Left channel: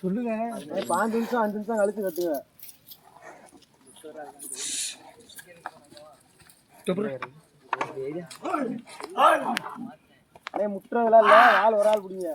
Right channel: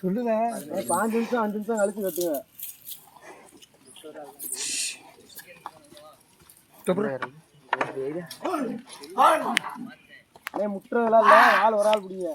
சொல்லுங்க. பாஞ்சு நிமிஷம் அஞ்சு நிமிஷம் கழிச்சு கட்டுங்க. அண்ணே முட்டுறதெல்லாம் இல்ல. ஆள் ஒரு ஆள் பிடிங்க.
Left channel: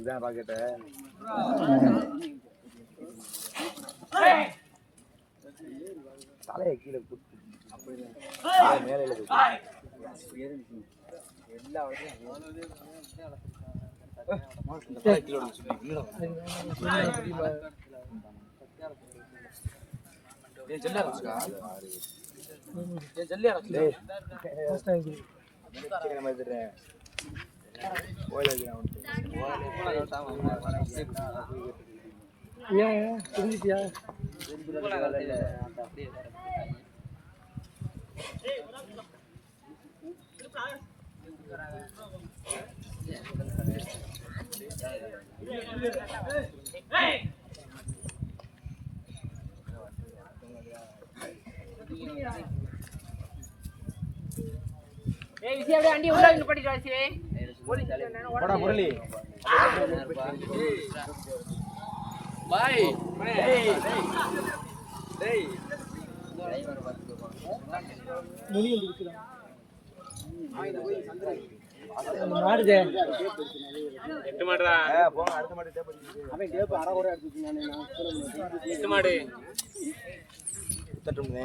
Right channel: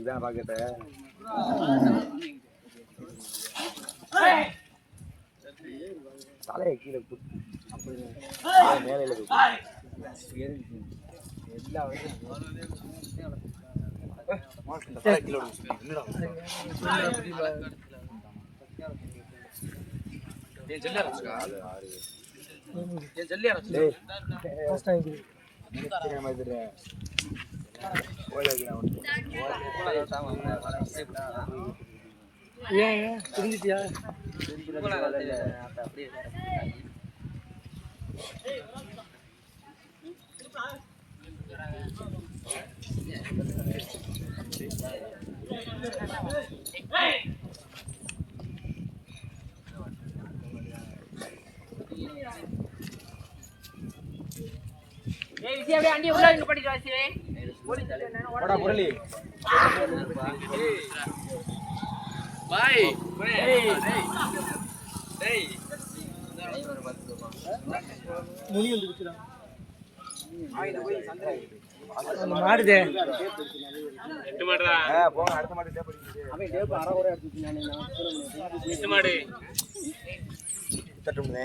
இதுதான் பாக்கெட்டு தலையை கீழே மேலையில விழுந்துச்சு. என்னடா? டேய், சீக்கிரமா எடுத்துடுறேன். ஓய்வு வைக்கலாம் உனக்கு. ஏன் ஏன் முரளி. முனி வந்து இருக்கிறான் மாடுதே ஏ, போங்க அடுத்த மாட்டு டேப் அடிக்குது. அவன் டேப் அரை குறை எடுத்து நானே நான் சொல்ல முடியாது தட்டும்னே.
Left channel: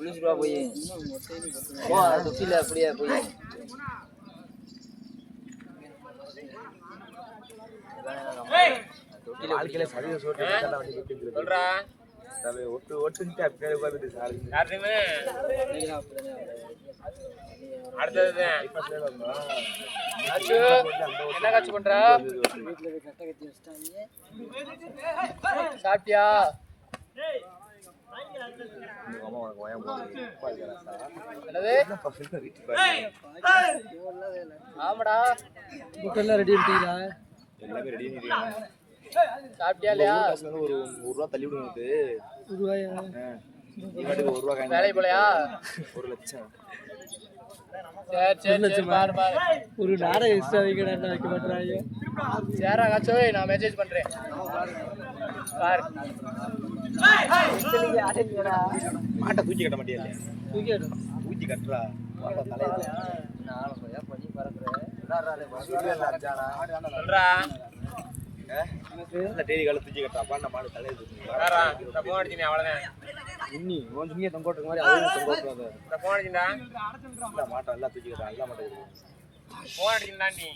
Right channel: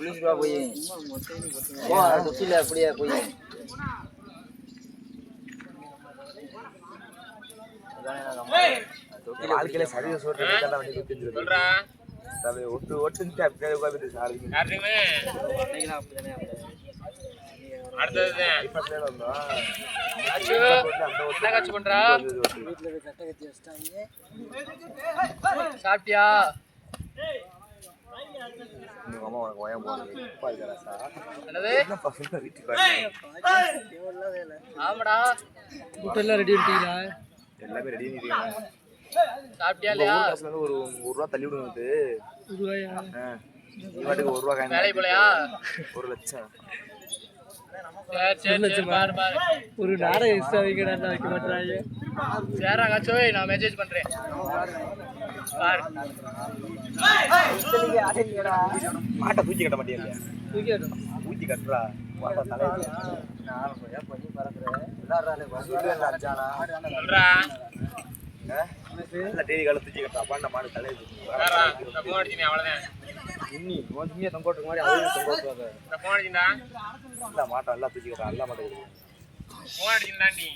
குளிச்சுட்டு போய். அப்படியே போய். வாழ்க்கையில ஒட்டு ஒட்டுக்கிட்டு அப்படியே உட்காந்துட்டு சாரி. ஐப்பசிலே வந்தோம். என்ன காட்சி பண்றா? சாப்பிட்டியா? ஆமாடா. முட்டெல்லாம் ரெடி பண்ணிட்டீங்களா? எல்லாமே ரெடி. சாப்பிட்டியா இல்லையா? ஒரு ஒரு ரூபா தள்ளி விடுங்க ஒரு ரூபாயா பாட்டுக்கு ஒரு ரூபா காயின் வேலைக்கு போலையா? ஒரு லட்சம். சரி சரி சரி ஒரு நாடகம் எக்ஸ்ட்ரா வைக்கடா வைக்க மாட்டாங்க சரிடா காச்சோய் நான் மெசேஜ் பண்றேன். மாட்டை தூக்கி கட்ட மாட்டியா இல்லையா? தூக்கிடும் ஊத்தி கட்டுறா. மாட்டை தலையை சொல்லுவேன்ல அஞ்சானா சொல்றா. டிவி கால தூக்கி கட்டா அப்பா மாடு தலையை தூக்கி வேறா இந்த போன் அடிச்சினே அவ்வளவுதான். இன்னி கொஞ்சம் சும்மியா தொங்க விட்டுருக்க மாதிரி அதையும் தொங்க விட்டுறாத. இந்த போன் அடிச்சிருந்தா இல்ல மாட்டை எல்லாம் தூக்கி கட்டா எல்லா மாட்டை போன் அடிச்சிருந்தாண்டி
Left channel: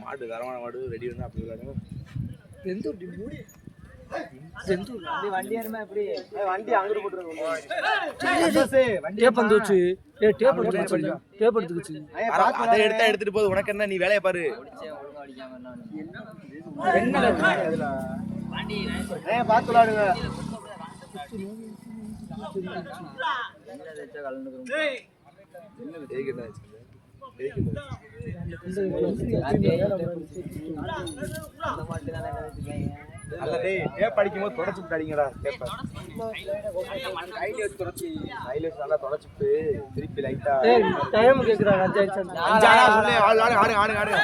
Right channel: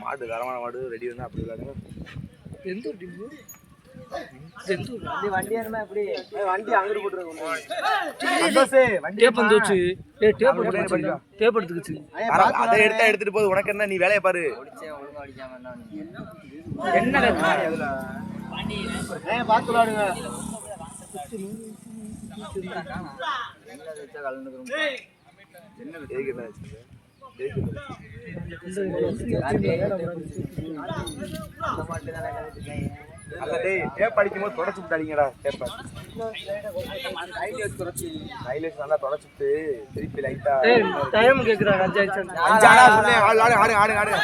மாடு தரமான மாடு ரெடி இருந்தா அப்படி எந்த ஏய், வந்து எடுத்துட்டு போது உனக்கு என்ன நீ வேலையை பாரு என்ன பார்த்து விளாடுங்க அடிக்கும்போது தொடச்சு விட்டாடிங்கடா ஹைலைட் நல்லா தொடச்சுட்டு திருப்பி லைட்டா டைம் கேக்குறாங்க அஞ்சு ஆடு ஆடு ஆடு ஆடு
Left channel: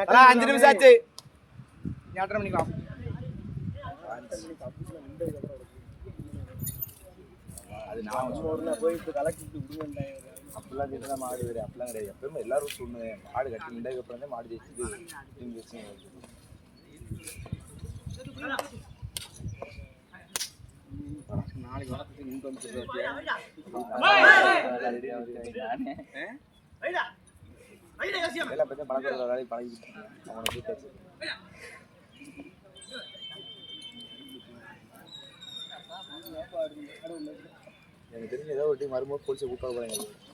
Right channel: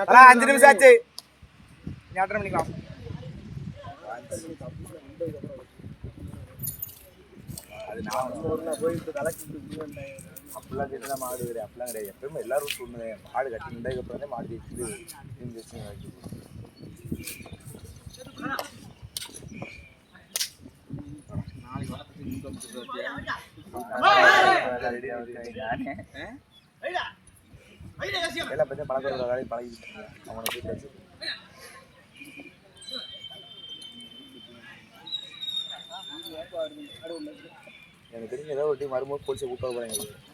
அண்ணா, அஞ்சு நிமிஷம் ஆச்சு. எட்டரை மணிக்கு ஆஃப் அது நான் போயிட்டு கலக்கிட்டு அப்படிலாம் கேட்டு மாடு வேறு அப்படிலாம் கிடையாது. எப்பவுமே எல்லாரும் சொன்னேன் மாடு கட்டி இருந்தால் அப்புறம் தான் மாடு ஜெயிச்சு டீம் ஜெயிச்சு எல்லாம் பற்றி பழக்க வேலையை பழகிட்டு அவனை வீட்டில் எனக்கு தெரிஞ்ச ஏதாவது ஒரு டீம் வரும்போது போலீஸை கூப்பிட்டு போகிறாங்க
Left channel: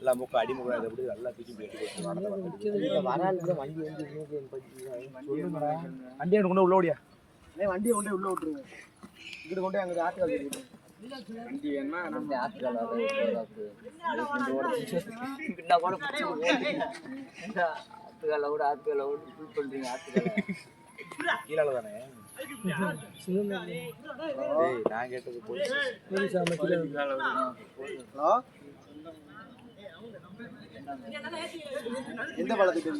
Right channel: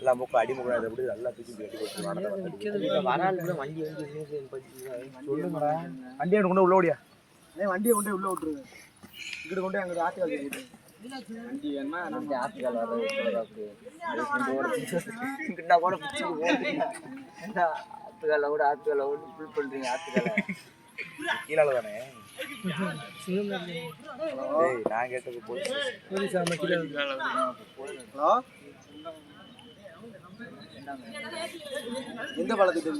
எல்லாம் மூக்க அடிமுகம் அதை எப்படி நல்லா தூக்கி போட்டு வராளுக்கு வண்டி வந்து சொல்லுங்கடா. வண்டி எடுத்து கொண்டு உள்ள ஓடியா? வண்டியை கொண்டு உள்ள விட்டுருங்க. இங்கிட்டு கொண்டு அங்கே ஆட்டுக்கால் வண்டி வேணா நம்ம பின்னா கூட ஆத்துக்கால கூட ஆத்துக்கால கூட ஃபுல் பண்றீங்க ஆத்துக்கால கீழே தானே நான் கேட்டது ஹலோ? எந்த பாலத்துக்கு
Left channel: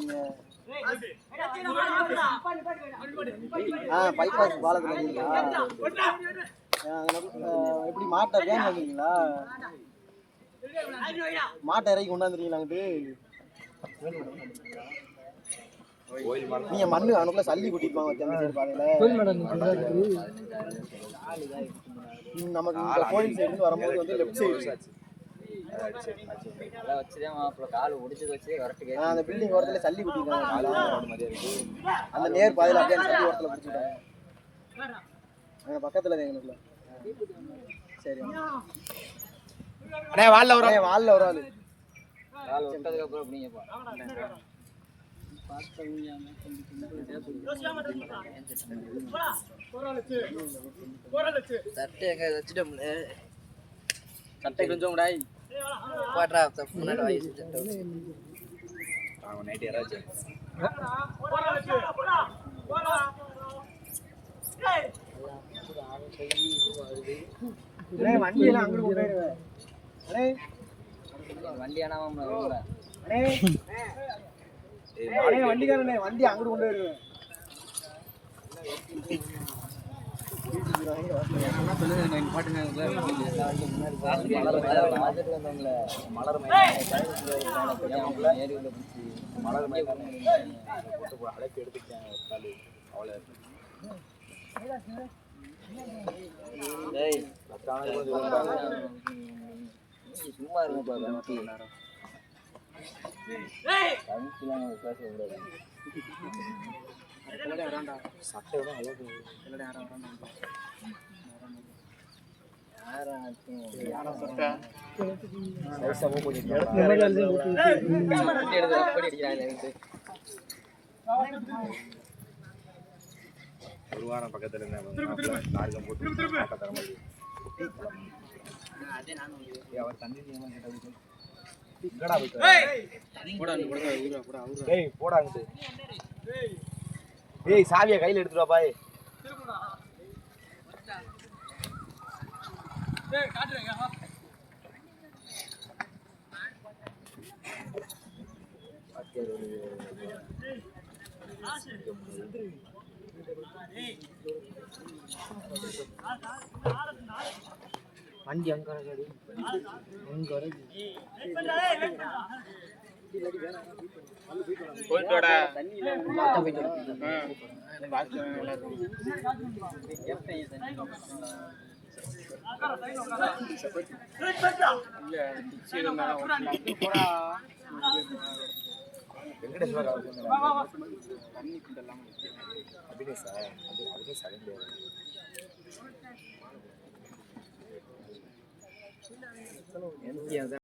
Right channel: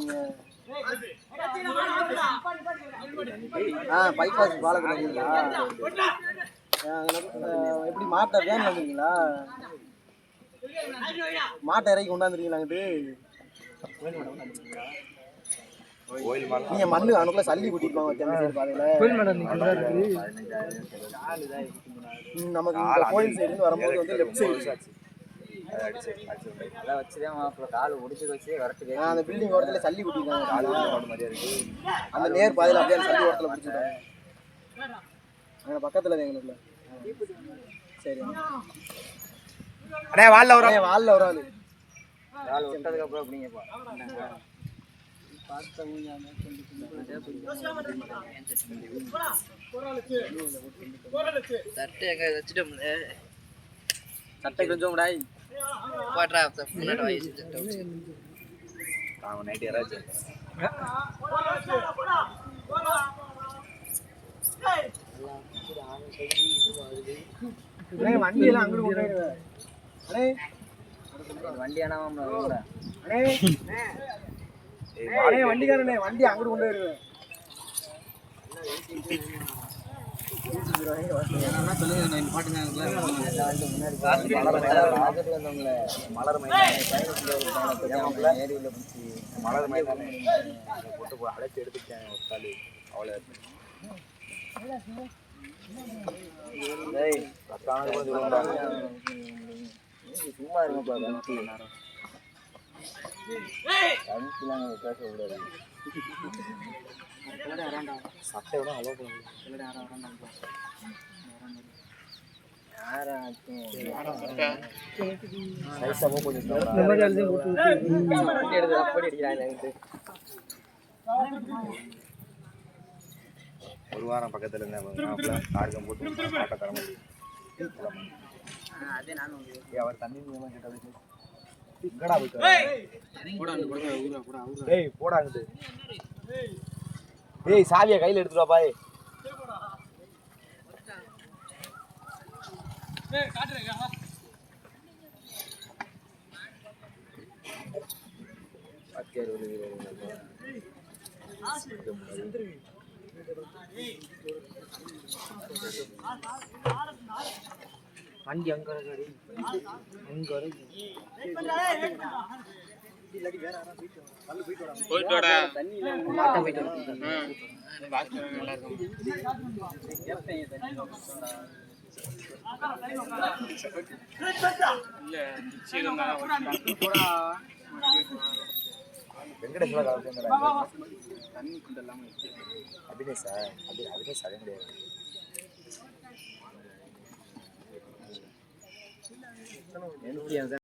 ஆ பைபாஸ் பாலத்துக்கு எப்படி மாட்டை வேன் வந்தீங்களா மாட்டை இறக்கி கொண்டாந்துருக்கீங்களா அங்கிட்டு? நீங்க மண்ணு அனுப்புல சல்லி சைடு பாதையில. கோயில் மேடம் இன்னைக்கு நல்லா இருக்குது ம், இருந்து வரும்போது வந்து லெஃப்ட் சைடு அந்த பில்டிங் ஓரத்துல சல்லி கூட்டிருக்காங்க அந்த நேர் பாதையில அப்படியே சல்லி ஓரத்துல பிடிச்சிட்டாங்க அங்க பக்கத்துல எங்களுக்கு சரி அண்ணே வால்ல வர அண்ணே, வால்ல ஒரு ஆளு சட்டை கொஞ்சம் கூடாய் அவன் நைட் யாராச்சும் அண்ணே வண்டி எல்லாம் அங்கிட்டு கொண்டு போயிடுவேன் அண்ணே வண்டி அண்ணே அண்ணே வண்டிக்காரனே வண்டி அங்கிட்டு கொண்டு போயிடுவேன் மலர் மலர் போட்டு போ- அழைச்சி எடுத்துட்டேன் ஒரு காலு அவ்வளோ பத்தானது கூட சொல்லுவாங்க சட்டை விட அலோ ஒரு வாரம் பக்கத்துல இருந்தேன் அவர் தண்ணி போயிட்டு. டேய் போடா டேய் சாவியை கையில் எடுத்துட்டு வா பாய் வண்டி அங்க இருக்காடி அங்க இருக்கு? போயிட்டு வாடா வெங்கடேஸ்வரா அபினேஷ் அதே கிடையாது 现在